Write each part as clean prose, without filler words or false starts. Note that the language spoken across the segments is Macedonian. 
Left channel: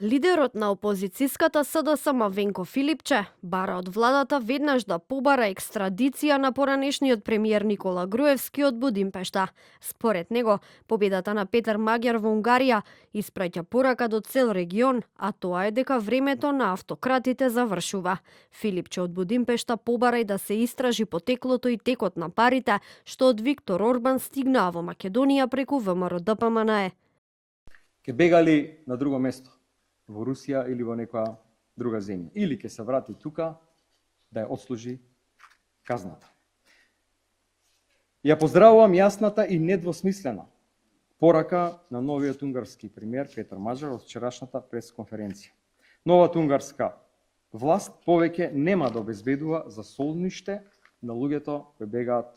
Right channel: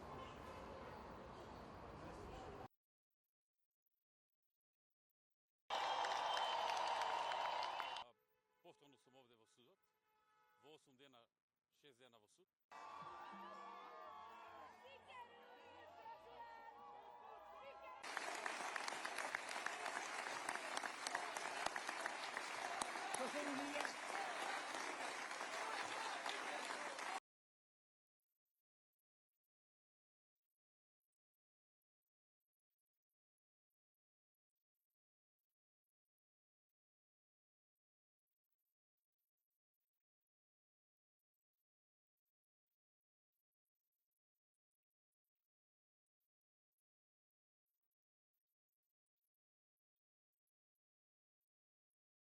Лидерот на опозицијската СДСМ Венко Филипче бара од владата веднаш да побара екстрадиција на поранешниот премиер Никола Груевски од Будимпешта. Според него, победата на Петар Маѓар во Унгарија испраќа порака до цел регион, а тоа е дека времето на автократите завршува. Филипче од Будимпешта побара и да се истражи потеклото и текот на парите што од Виктор Орбан стигнаа во Македонија преку ВМРО-ДПМНЕ. Ке бегали на друго место, во Русија или во некоја друга земја. Или ќе се врати тука да ја отслужи казната. Ја поздравувам јасната и недвосмислена порака на новиот унгарски премиер Петар Маѓар од вчерашната пресконференција. Новата унгарска власт повеќе нема да обезбедува за солниште на луѓето кои бегаат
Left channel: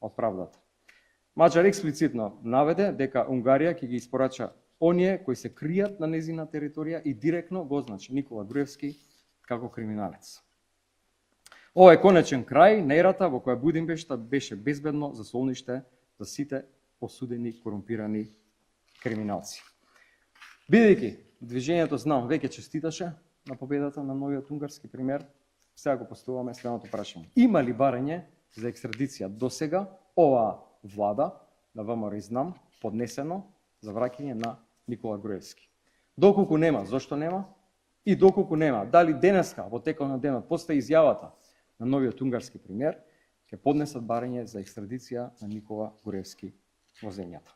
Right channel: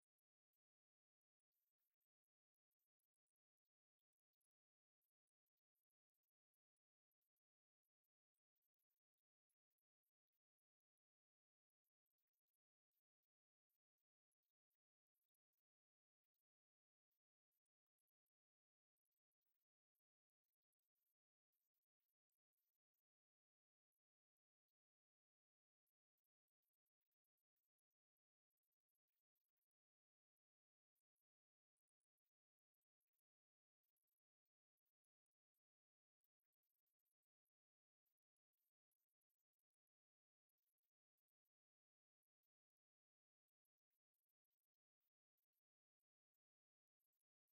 од правдата. Маѓар експлицитно наведе дека Унгарија ќе ги испорача оние кои се кријат на незина територија и директно го означи Никола Груевски како криминалец. Ова е конечен крај на ерата во која Будимпешта беше безбедно за солниште за сите осудени корумпирани криминалци. Бидејќи движењето Знам веќе честиташе на победата на новиот унгарски премиер, сега го поставуваме следното прашање. Има ли барање за екстрадиција досега оваа влада на ВМРО и Знам поднесено за враќање на Никола Груевски? Доколку нема, зошто нема? И доколку нема, дали денеска во текот на денот после изјавата на новиот унгарски премиер ќе поднесат барање за екстрадиција на Никола Груевски во земјата?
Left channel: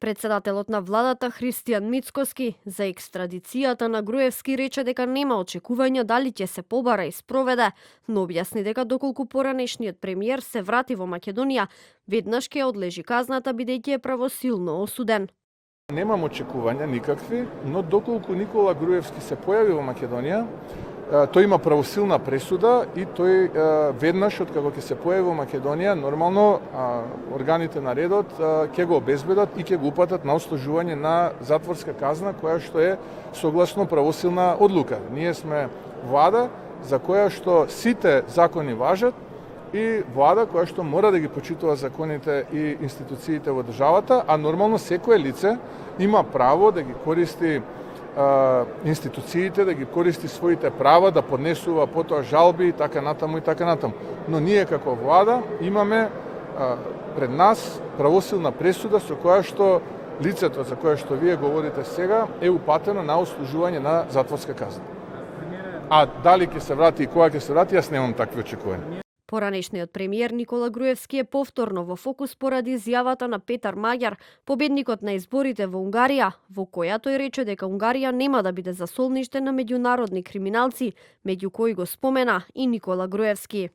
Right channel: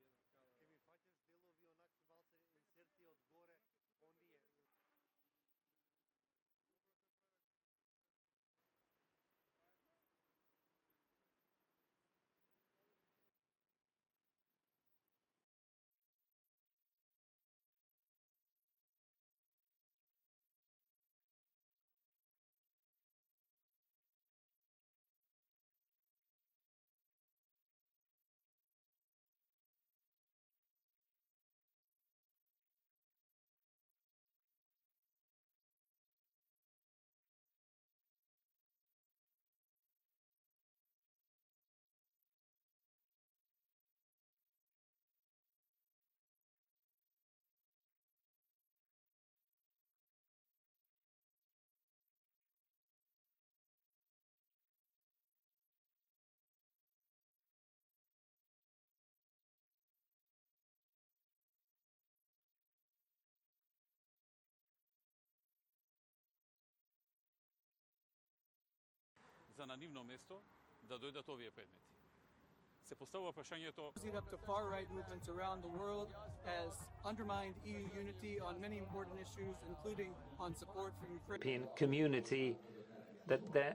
Председателот на владата Христијан Мицкоски за екстрадицијата на Груевски рече дека нема очекувања дали ќе се побара и спроведе, но објасни дека доколку поранешниот премиер се врати во Македонија, веднаш ќе одлежи казната бидејќи е правосилно осуден. Немам очекувања никакви, но доколку Никола Груевски се појави во Македонија, тој има правосилна пресуда и тој веднаш од како ќе се појави во Македонија, нормално органите на редот ќе го обезбедат и ќе го упатат на отслужување на затворска казна која што е согласно правосилна одлука. Ние сме влада за која што сите закони важат и влада која што мора да ги почитува законите и институциите во државата, а нормално секое лице има право да ги користи институциите, да ги користи своите права, да поднесува потоа жалби и така натаму и така натаму. Но ние како влада имаме пред нас правосилна пресуда со која што лицето за која што вие говорите сега е упатено на отслужување на затворска казна. А дали ќе се врати и кога ќе се врати, јас немам такви очекувања. Поранешниот премиер Никола Груевски е повторно во фокус поради изјавата на Петар Маѓар, победникот на изборите во Унгарија, во која тој рече дека Унгарија нема да биде засолниште на меѓународни криминалци, меѓу кои го спомена и Никола Груевски.